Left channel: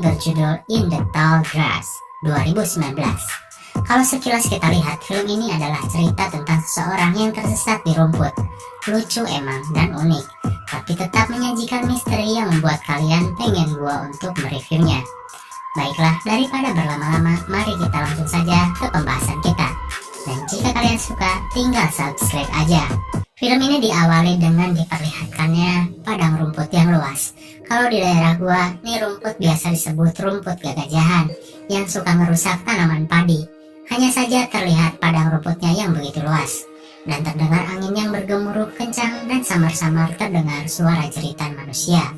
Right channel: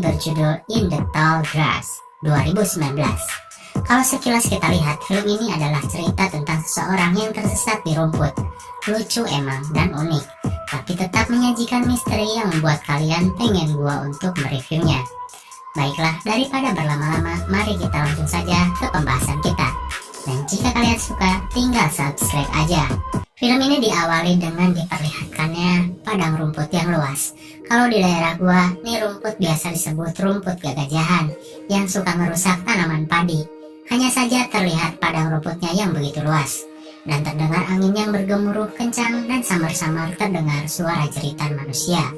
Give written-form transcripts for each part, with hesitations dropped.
ini berjudul In the Tall Grass 2019. Kalau sekilas kita lihat, film ini adalah cerita tentang seseorang yang tersesat di rumput. Lucu emang dan unik, tapi tetap menyajikan misteri yang membuat kalian pengen gua untuk mereviewnya. Baiklah, daripada berlama-lama, mari kita langsung saja ke pembahasan kita. Dan jika kalian suka, tinggal subscribe aja. Film ini diawali dengan diperlihatkannya padang rumput yang luas. Kalau di daerah gua, nih rumput biasa disebut rumput gagajahan yang suka merusak tanaman padi. Hanya saja terlihat padang rumputnya yang begitu luas, dan terdengar angin yang bergemuruh kencang dan samar-samar terdengar suara jeritan manusia.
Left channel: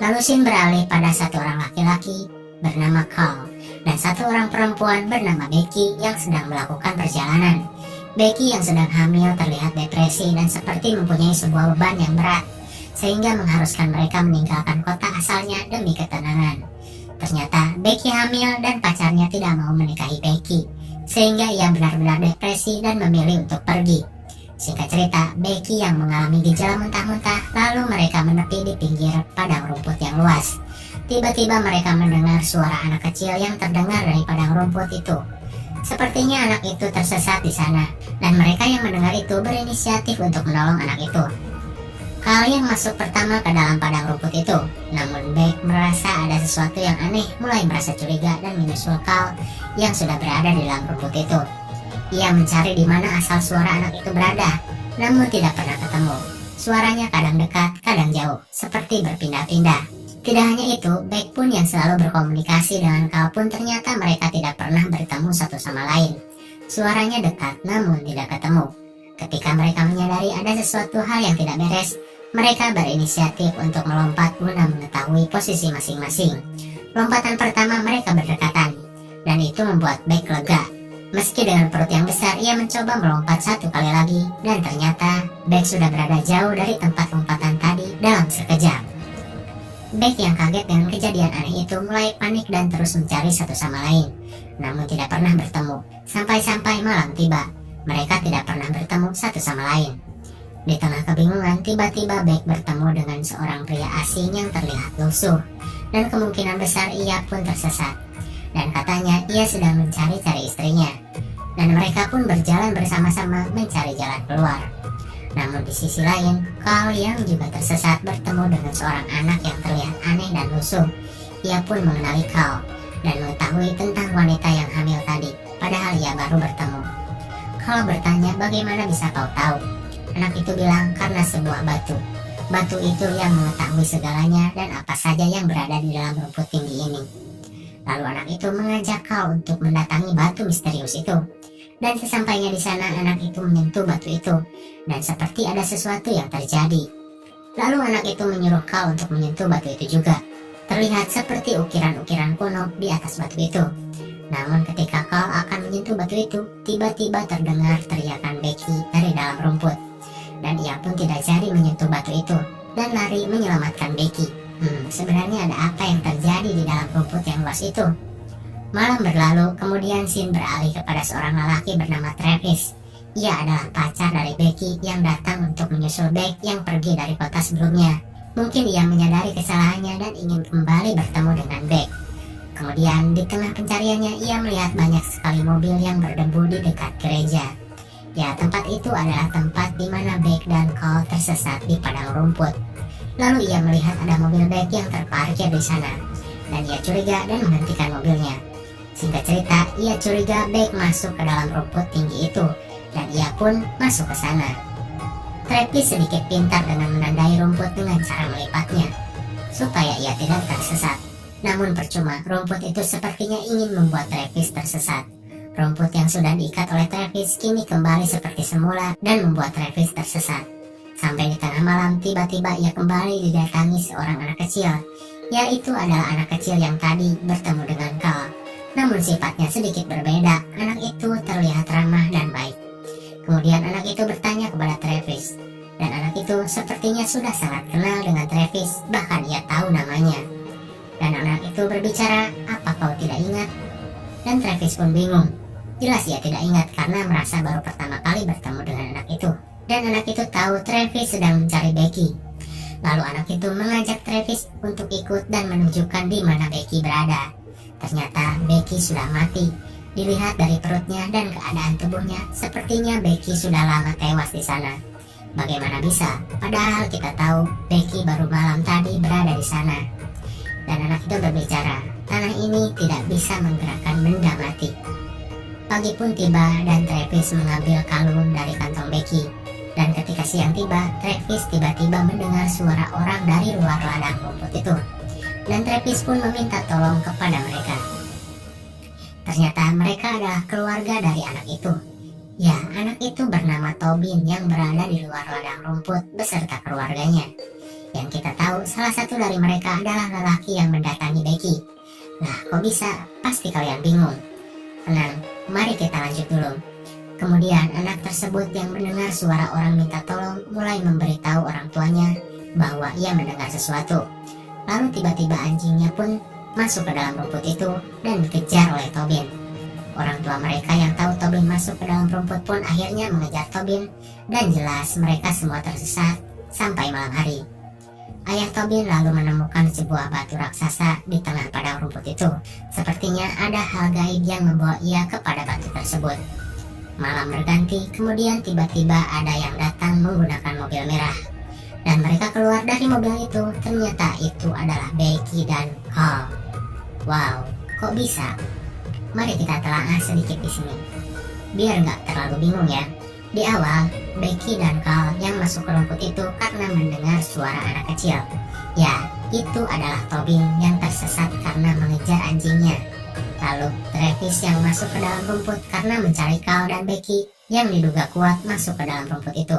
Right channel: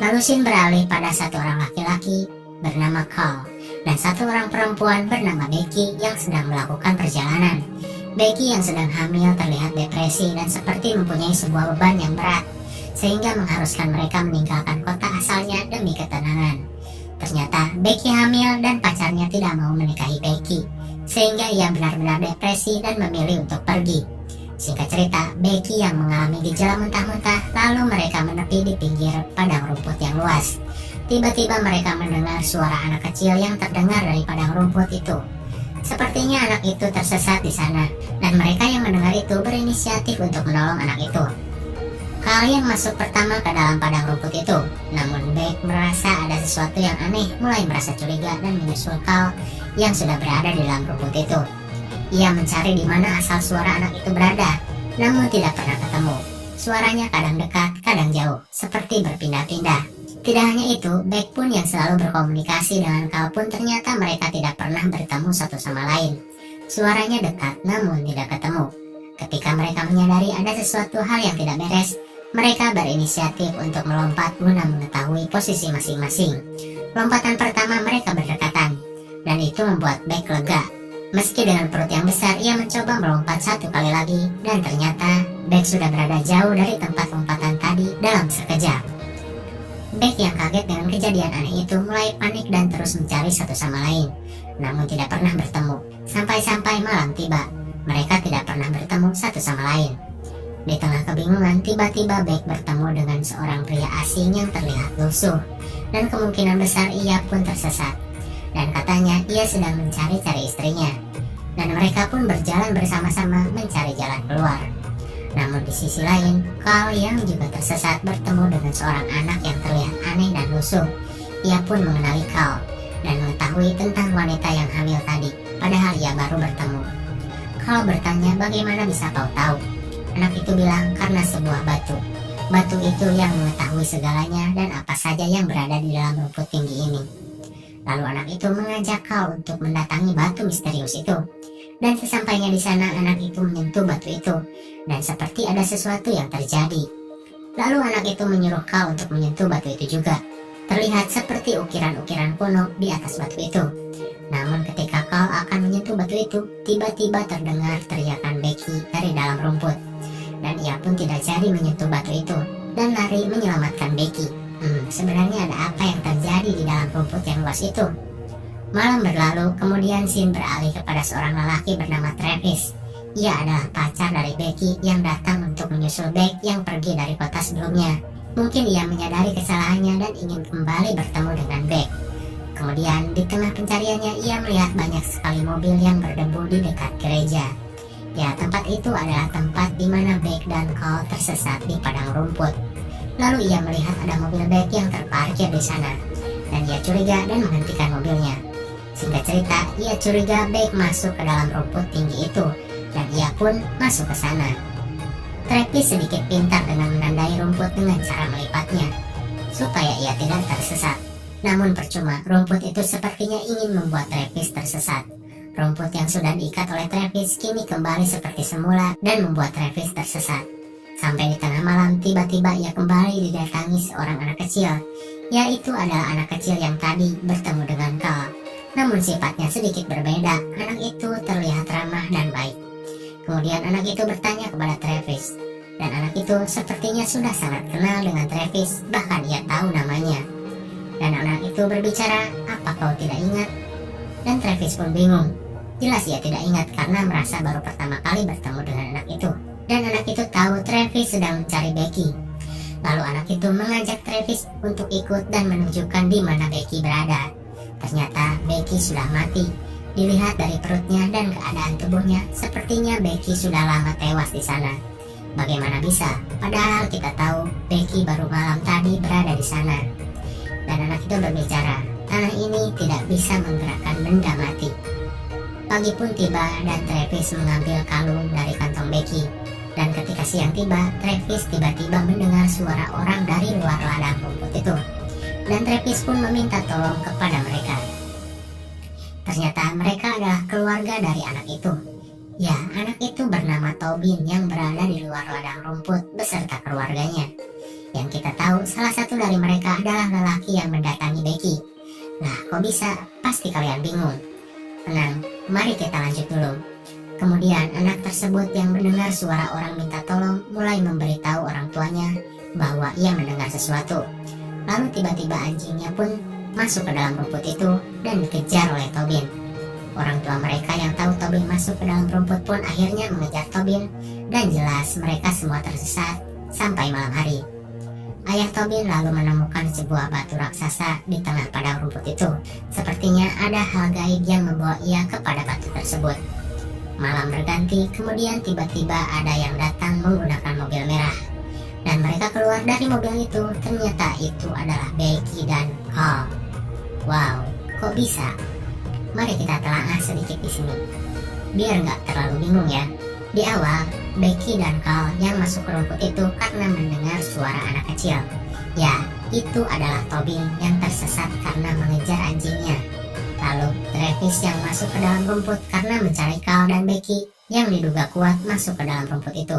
Lalu scene beralih pada satu orang laki-laki bernama Carl dan satu orang perempuan bernama Becky yang sedang melakukan perjalanan. Becky yang sedang hamil terlihat depresi dan seperti mempunyai sebuah beban yang berat, sehingga mengharuskan mereka meninggalkan kota asalnya demi ketenangan. Ternyata Becky hamil dan pacarnya tidak mau menikahi Becky, sehingga ia benar-benar depresi dan memilih untuk pergi. Singkat cerita, Becky yang mengalami gejala muntah-muntah, lalu mereka menepi di pinggir padang rumput yang luas. Tiba-tiba mereka mendengar suara anak kecil yang terdengar dari padang rumput itu. Sepertinya anak itu tersesat di sana, dan mereka yang mendengar itu berinisiatif untuk menolong anak itu. Carl yang masuk pertama ke dalam padang rumput itu, namun Beck merasa ada sesuatu yang aneh, mulai merasa curiga dan menyusul Carl yang sudah berada di dalam rumput itu. Ia mencari di mana asal suara anak itu berada, namun tidak pernah ketemu. Suaranya kadang dekat, kadang jauh, seperti berpindah-pindah. Tidak hanya itu, Beck pun yang selalu berkomunikasi dengan Carl pun ternyata mereka tidak pernah bertemu satu sama lain. Suaranya dekat, namun tidak ketemu. Ketika mereka menyadari ada sesuatu hal yang tidak beres, mereka berinisiatif untuk melompat guna mengetahui posisi masing-masing. Lompatan pertama mereka berdekatan, dan itu membuat Beck lega. Meski dengan perut yang besar, ia mencoba melompat satu kali lagi, dan ternyata Beck sudah berada jauh dari tempat lompatan tadi dalam sekejap. Beck yang kaget dengan kejadian aneh itu mulai panik dan terus mencari satu sama lain, namun tidak pernah bertemu. Sampai-sampai malam tiba, mereka tidak pernah bertemu satu sama lain. Di tengah kebingungan, tiba-tiba Beck bertemu dengan seorang pria asing yang terlihat lusuh, dan kemungkinan besar ia pun tersesat. Dan katanya ia sedang mencari-cari istrinya, dan mereka pun berjalan bersama-sama mencari jalan keluar. Namun di sisi lain, Carl yang juga tersesat bertemu dengan seorang anak yang terlihat aneh dan lusuh. Ia pun mengenali Carl dan mengetahui tentang wanita yang hamil tadi, padahal ia baru bertemu. Carl bertanya, bagaimana bisa kau tahu? Anak itu bilang, karena sebuah batu. Batu itu yang mengetahui segalanya dan apa saja yang berada di dalam rumput tinggi ini. Lalu anak itu mengajak Carl untuk mendatangi batu misterius itu. Dan sesampainya di sana, anak itu menyentuh batu itu, dan seperti ada sesuatu yang terjadi. Lalu anak itu menyuruh Carl untuk menyentuh batu itu juga. Terlihat seperti ukiran-ukiran kuno di atas batu itu. Namun ketika Carl akan menyentuh batu itu, tiba-tiba terdengar teriakan Becky dari dalam rumput. Dan ia pun tidak jadi menyentuh batu itu, dan lari menyelamatkan Becky. Sebenarnya ada apa yang terjadi di dalam rumput yang luas itu? Malam berlalu, kemudian scene beralih kepada seorang lelaki bernama Travis. Ia adalah pacar dari Becky yang datang untuk menyusul Beck yang pergi dari kota sebelumnya. Mungkin ia menyadari kesalahannya dan ingin kembali bertemu dengan Beck. Kemudian di tengah pencariannya, ia melihat banyak sekali mobil yang berdebu di dekat gereja. Ya, tempat itu adalah tempat di mana Beck dan Carl tersesat di padang rumput. Lalu ia melihat ada mobil Beck yang terparkir di sana, dan ia curiga dan menghentikan mobilnya. Singkat cerita, ia curiga Beck masuk ke dalam rumput tinggi itu, dan ia pun masuk ke sana. Travis sedikit pintar dengan menandai rumput dengan cara melipatnya, supaya ia tidak tersesat. Namun percuma, rumput itu sepertinya ingin membuat Travis tersesat. Rumput yang sudah diikat oleh Travis kini kembali seperti semula dan membuat Travis tersesat. Sampai di tengah malam, tiba-tiba ia kembali didatangi seorang anak kecil, yaitu adalah anak kecil yang tadi bertemu dengan Carl. Namun sifatnya sedikit berbeda. Anak itu terlihat ramah dan baik. Kemudian anak itu bertanya kepada Travis, dan anak itu sepertinya sudah sangat kenal dengan Travis, bahkan ia tahu namanya. Dan anak itu berbicara, apa kau tidak ingat? Dan Travis pun bingung. Jelas ia tidak ingat karena merasa baru pertama kali bertemu dengan anak itu. Dan anak itu tahu Travis sedang mencari Becky. Lalu anak itu mengajak Travis untuk ikut dan menunjukkan di mana Becky berada. Ternyata Becky sudah mati. Dilihat dari perutnya dan keadaan tubuhnya, sepertinya Becky sudah lama tewas di sana. Bagaimana bisa? Padahal kita tahu Becky baru malam tadi berada di sana. Dan anak itu berbicara, tanah ini tidak bisa menggerakkan benda mati. Pagi pun tiba dan Travis mengambil kalung dari kantong Becky. Dan ketika siang tiba, Travis tiba-tiba mendengar suara orang dari luar ladang rumput itu. Dan Travis pun meminta tolong kepada mereka. Ternyata mereka adalah keluarga dari anak itu. Ya, anak itu bernama Tobin yang berada di luar ladang rumput beserta keluarganya. Yang kita tahu salah satu dari mereka adalah lelaki yang mendatangi Becky. Lah, kok bisa? Pasti kalian bingung. Tenang, mari kita lanjut dulu. Kemudian anak tersebut yang mendengar suara orang minta tolong mulai memberitahu orang tuanya bahwa ia mendengar sesuatu. Lalu tiba-tiba anjingnya pun masuk ke dalam rumput itu dan dikejar oleh Tobin. Orang tua mereka yang tahu Tobin masuk ke dalam rumput pun akhirnya mengejar Tobin dan jelas mereka semua tersesat sampai malam hari. Ayah Tobin lalu menemukan sebuah batu raksasa di tengah padang rumput itu. Sepertinya ada hal gaib yang membawa ia kepada batu tersebut. Malam berganti, kemudian tiba-tiba ada yang datang menggunakan mobil merah. Dan mereka keluar dari mobil itu, ternyata itu adalah Becky dan Carl. Wow, kok bisa? Mari kita telaah sedikit di sini, biar nggak terlalu bingung ya. Di awal, Becky dan Carl yang masuk ke rumput itu karena mendengar suara anak kecil. Ya, itu adalah Tobin yang tersesat karena mengejar anjingnya. Lalu Travis yang masuk ke dalam rumput karena mencari Carl dan Becky yang diduga kuat masuk ke dalam rumput itu.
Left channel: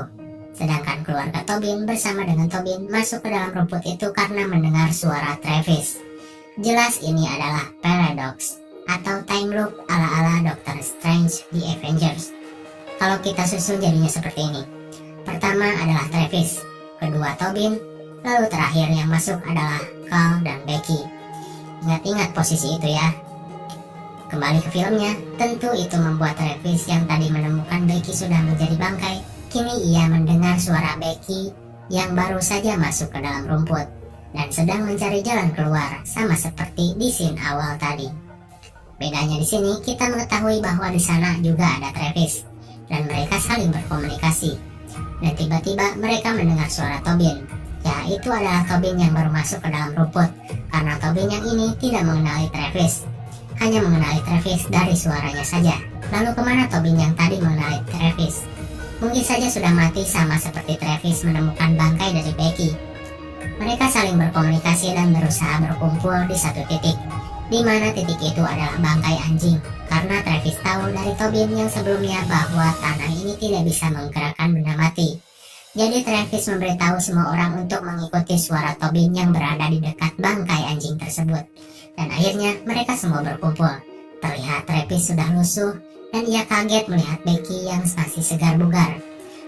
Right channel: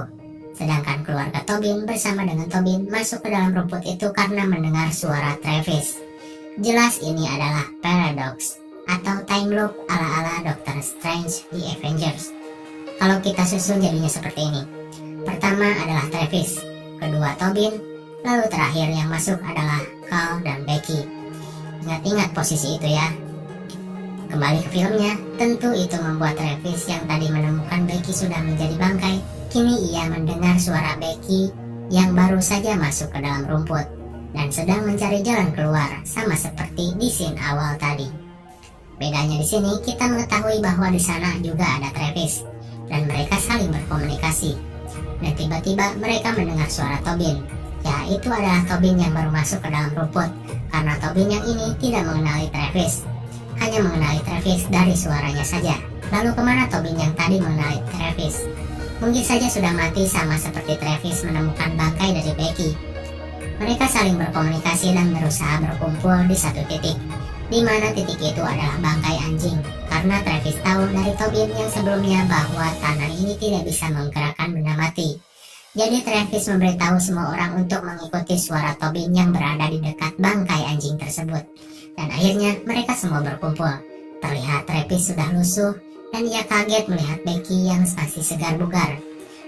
Sedangkan keluarga Tobin bersama dengan Tobin masuk ke dalam rumput itu karena mendengar suara Travis. Jelas ini adalah paradox atau time loop ala-ala Doctor Strange di Avengers. Kalau kita susun jadinya seperti ini. Pertama adalah Travis, kedua Tobin, lalu terakhir yang masuk adalah Carl dan Becky. Ingat-ingat posisi itu ya. Kembali ke filmnya, tentu itu membuat Travis yang tadi menemukan Becky sudah menjadi bangkai. Kini ia mendengar suara Becky yang baru saja masuk ke dalam rumput dan sedang mencari jalan keluar, sama seperti di scene awal tadi. Bedanya di sini kita mengetahui bahwa di sana juga ada Travis dan mereka saling berkomunikasi. Dan tiba-tiba mereka mendengar suara Tobin. Ya, itu adalah Tobin yang baru masuk ke dalam rumput karena Tobin yang ini tidak mengenali Travis. Hanya mengenali Travis dari suaranya saja. Lalu kemana Tobin yang tadi mengenali Travis? Mungkin saja sudah mati sama seperti Travis menemukan bangkai dari Becky. Mereka saling berkomunikasi dan berusaha berkumpul di satu titik, di mana titik itu adalah bangkai anjing. Karena Travis tahu dari Tobin yang sebelumnya bahwa tanah ini tidak bisa menggerakkan benda mati. Jadi Travis memberitahu semua orang untuk mengikuti suara Tobin yang berada di dekat bangkai anjing tersebut. Dan akhirnya mereka semua berkumpul. Terlihat Travis sudah lusuh dan ia kaget melihat Becky yang masih segar bugar.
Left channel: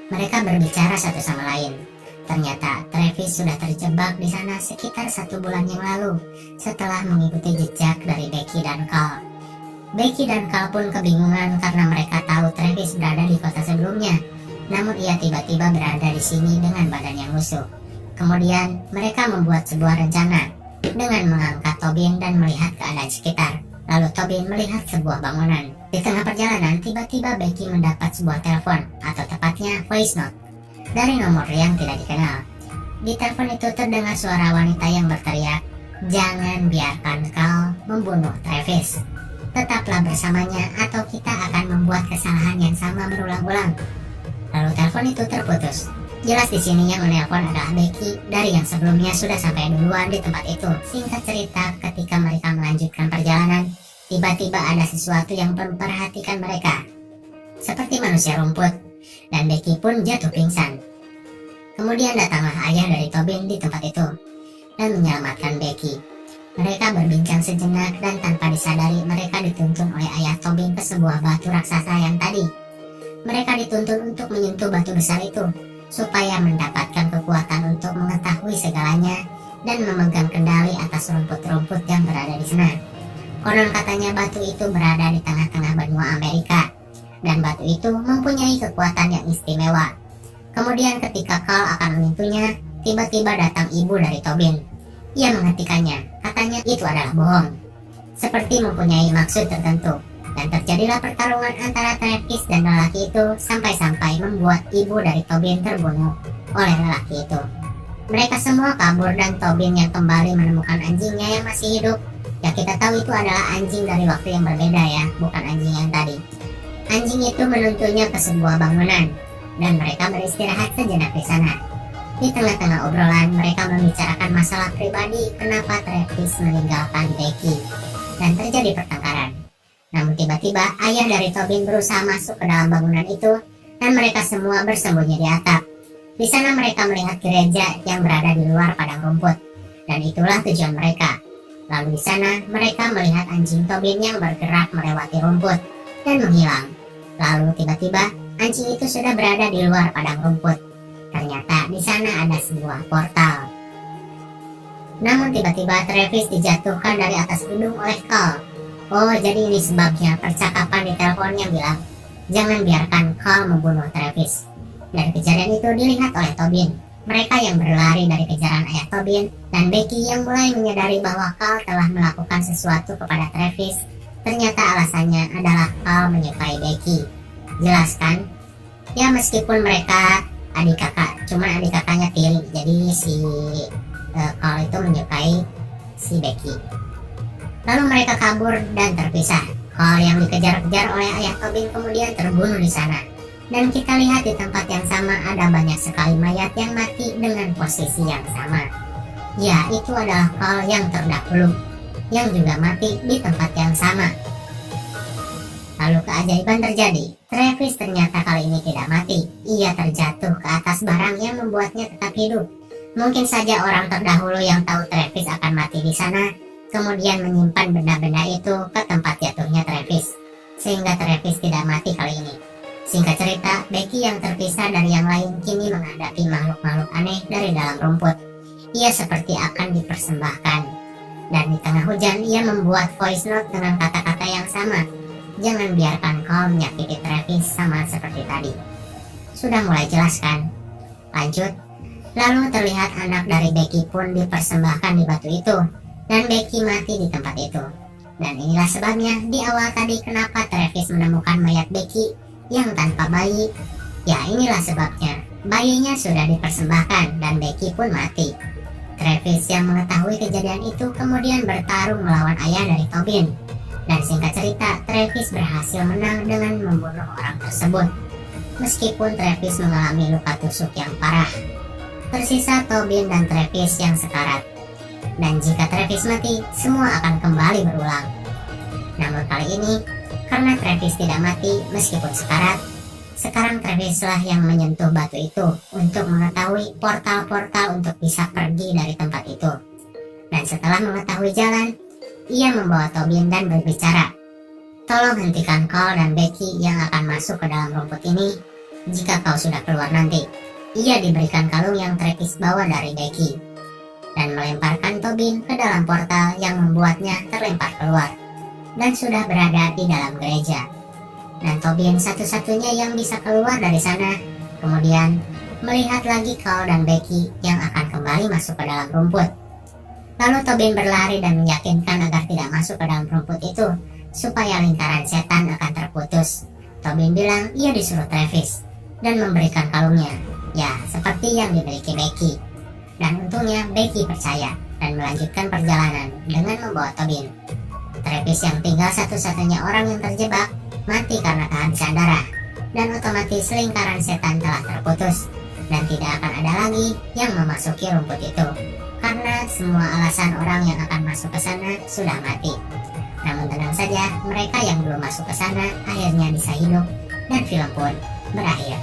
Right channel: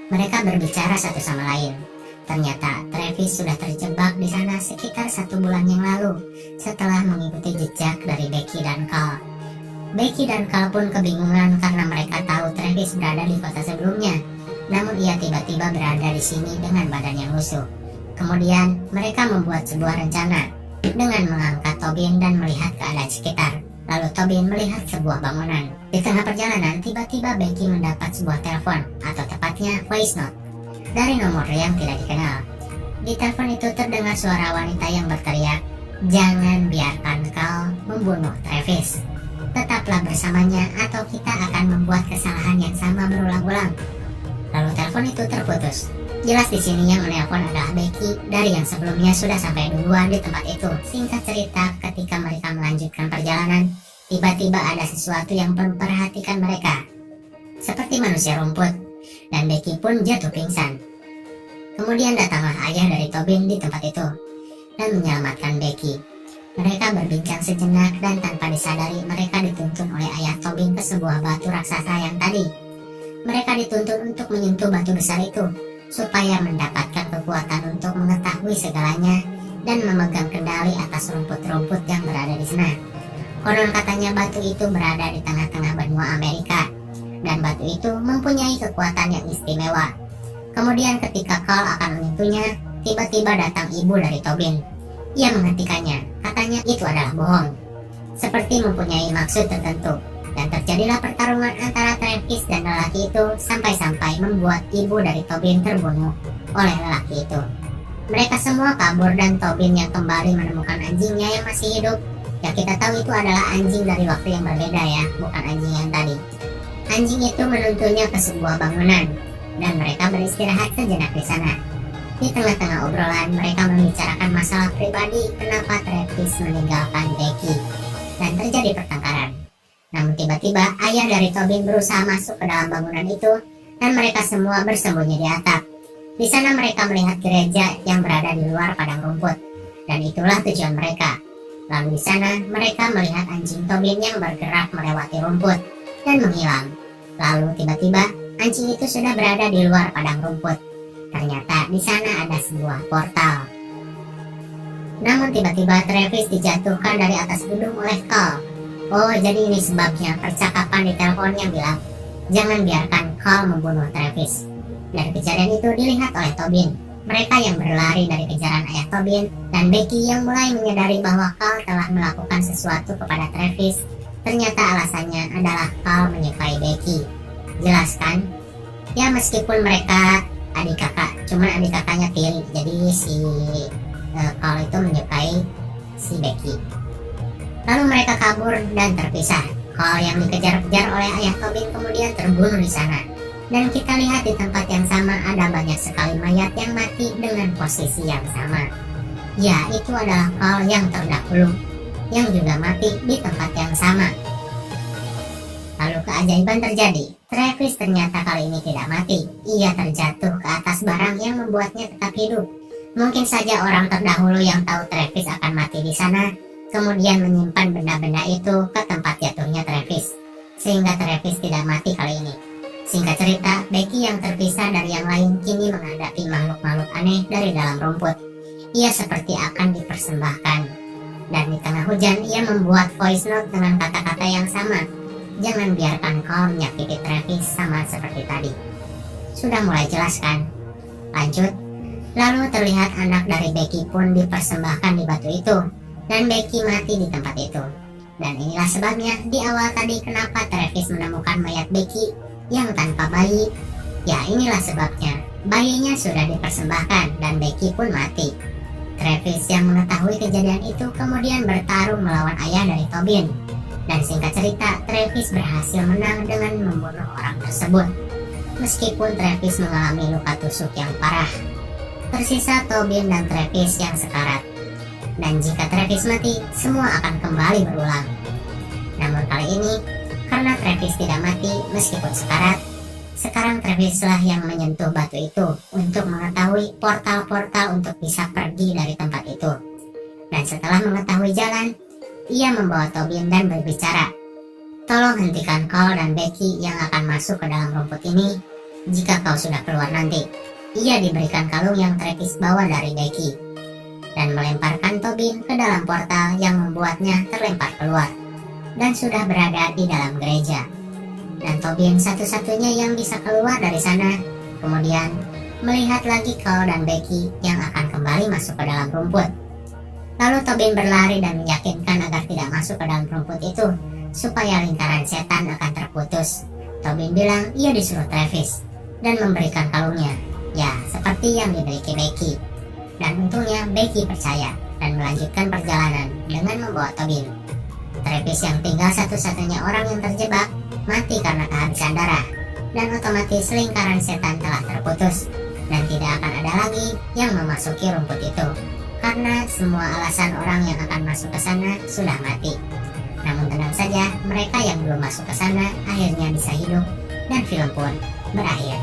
Mereka berbicara satu sama lain. Ternyata Travis sudah terjebak di sana sekitar 1 bulan yang lalu setelah mengikuti jejak dari Becky dan Carl. Becky dan Carl pun kebingungan karena mereka tahu Travis berada di kota sebelumnya. Namun ia tiba-tiba berada di sini dengan badan yang lusuh. Kemudian mereka membuat sebuah rencana dengan mengangkat Tobin dan melihat keadaan sekitar. Lalu Tobin melihat sebuah bangunan. Di tengah perjalanan, tiba-tiba Becky mendapat sebuah telepon, atau tepatnya voice note, dari nomor yang tidak dikenal. Di telepon itu terdengar suara wanita yang berteriak, "Jangan biarkan Carl membunuh Travis. Tetaplah bersamanya atau kita akan membuat kesalahan yang sama berulang-ulang." Lalu telepon itu terputus. Jelas di sini yang menelpon adalah Becky dari yang sebelumnya sudah sampai duluan di tempat itu. Singkat cerita, ketika mereka melanjutkan perjalanan, tiba-tiba ada sesuatu yang memperhatikan mereka. Seperti manusia rumput, dan Becky pun jatuh pingsan. Kemudian datanglah ayah dari Tobin di tempat itu, dan menyelamatkan Becky. Mereka berbincang sejenak dan tanpa disadari mereka dituntun oleh ayah Tobin ke sebuah batu raksasa yang tadi. Mereka dituntun untuk menyentuh batu besar itu, supaya mendapatkan kekuatan untuk mengetahui segalanya dan memegang kendali atas rumput-rumput yang berada di sana. Konon katanya batu itu berada di tengah-tengah benua Amerika, dan batu itu mempunyai kekuatan yang istimewa. Kemudian ketika Carl akan menyentuhnya, tiba-tiba datang ibu dari Tobin. Ia menghentikannya, katanya itu adalah bohong, seperti mempunyai maksud tertentu. Dan terjadilah pertarungan antara Travis dan lelaki itu sampai-sampai membuat ibu dari Tobin terbunuh oleh lelaki itu. Mereka semua kabur dan Tobin yang kembali menemukan anjingnya yang masih hidup. Ya kita tahu itu adalah anjing dari waktu yang berbeda ya, bukan anjing yang tadi. Anjing itu menuntunnya ke sebuah bangunan dan mereka beristirahat sejenak di sana. Di tengah-tengah obrolan mereka membicarakan masalah pribadi kenapa Travis meninggalkan Becky dan terjadi pertengkaran. Namun tiba-tiba ayah dari Tobin berusaha masuk ke dalam bangunan itu dan mereka semua bersembunyi di atap. Di sana mereka melihat gereja yang berada di luar padang rumput dan itulah tujuan mereka. Lalu di sana mereka melihat anjing Tobin yang bergerak melewati rumput dan menghilang. Lalu tiba-tiba anjing itu sudah berada di luar padang rumput. Ternyata di sana ada sebuah portal. Namun tiba-tiba Travis dijatuhkan dari atas gedung oleh Carl. Oh, jadi ini sebabnya percakapan di teleponnya bilang, jangan biarkan Carl membunuh Travis. Dan kejadian itu dilihat oleh Tobin. Mereka yang berlari dari kejaran ayah Tobin dan Becky yang mulai menyadari bahwa Carl telah melakukan sesuatu kepada Travis. Ternyata alasannya adalah Carl menyukai Becky. Jelas kan? Ya meskipun mereka adik kakak, cuman adik kakaknya tiri. Jadi si Carl itu menyukai si Becky. Lalu mereka kabur dan terpisah. Carl yang dikejar-kejar oleh ayah Tobin kemudian terbunuh di sana. Dan kita lihat di tempat yang sama ada banyak sekali mayat yang mati dengan posisi yang sama. Ya, itu adalah Carl yang terdahulu, yang juga mati di tempat yang sama. Lalu keajaiban terjadi. Travis ternyata kali ini tidak mati. Ia terjatuh ke atas barang yang membuatnya tetap hidup. Mungkin saja orang terdahulu yang tahu Travis akan mati di sana kemudian menyimpan benda-benda itu ke tempat jatuhnya Travis, sehingga Travis tidak mati kali ini. Singkat cerita, Becky yang terpisah dari yang lain kini menghadapi makhluk-makhluk aneh dari dalam rumput. Ia seperti akan dipersembahkan. Dan di tengah hujan, ia membuat voice note dengan kata-kata yang sama. Jangan biarkan kau menyakiti Travis sama seperti tadi. Sudah mulai jelas kan? Lanjut. Lalu terlihat anak dari Becky pun dipersembahkan di batu itu. Dan Becky mati di tempat itu. Dan inilah sebabnya di awal tadi kenapa Travis menemukan mayat Becky yang tanpa bayi. Ya inilah sebabnya. Bayinya sudah dipersembahkan dan Becky pun mati. Travis yang mengetahui kejadian itu kemudian bertarung melawan ayah dari Tobin. Dan singkat cerita, Travis berhasil menang dengan membunuh orang tersebut. Meskipun Travis mengalami luka tusuk yang parah. Tersisa Tobin dan Travis yang sekarat. Dan jika Travis mati, semua akan kembali berulang. Namun kali ini, karena Travis tidak mati meskipun sekarat, sekarang Travislah yang menyentuh batu itu untuk mengetahui portal-portal untuk bisa pergi dari tempat itu. Dan setelah mengetahui jalan, ia membawa Tobin dan berbicara. Tolong hentikan Carl dan Becky yang akan masuk ke dalam rumput ini jika kau sudah keluar nanti. Ia diberikan kalung yang Travis bawa dari Becky dan melemparkan Tobin ke dalam portal yang membuatnya terlempar keluar dan sudah berada di dalam gereja. Dan Tobin satu-satunya yang bisa keluar dari sana. Kemudian melihat lagi Carl dan Becky yang akan kembali masuk ke dalam rumput. Lalu Tobin berlari dan meyakinkan agar tidak masuk ke dalam rumput itu supaya lingkaran setan akan terputus. Tobin bilang ia disuruh Travis dan memberikan kalungnya, ya seperti yang dimiliki Becky. Dan untungnya Becky percaya dan melanjutkan perjalanan dengan membawa Tobin. Travis yang tinggal satu-satunya orang yang terjebak mati karena kehabisan darah. Dan otomatis lingkaran setan telah terputus dan tidak akan ada lagi yang memasuki rumput itu. Karena semua alasan orang yang akan masuk ke sana sudah mati. Namun tenang saja, mereka yang belum masuk ke sana akhirnya bisa hidup dan film pun berakhir.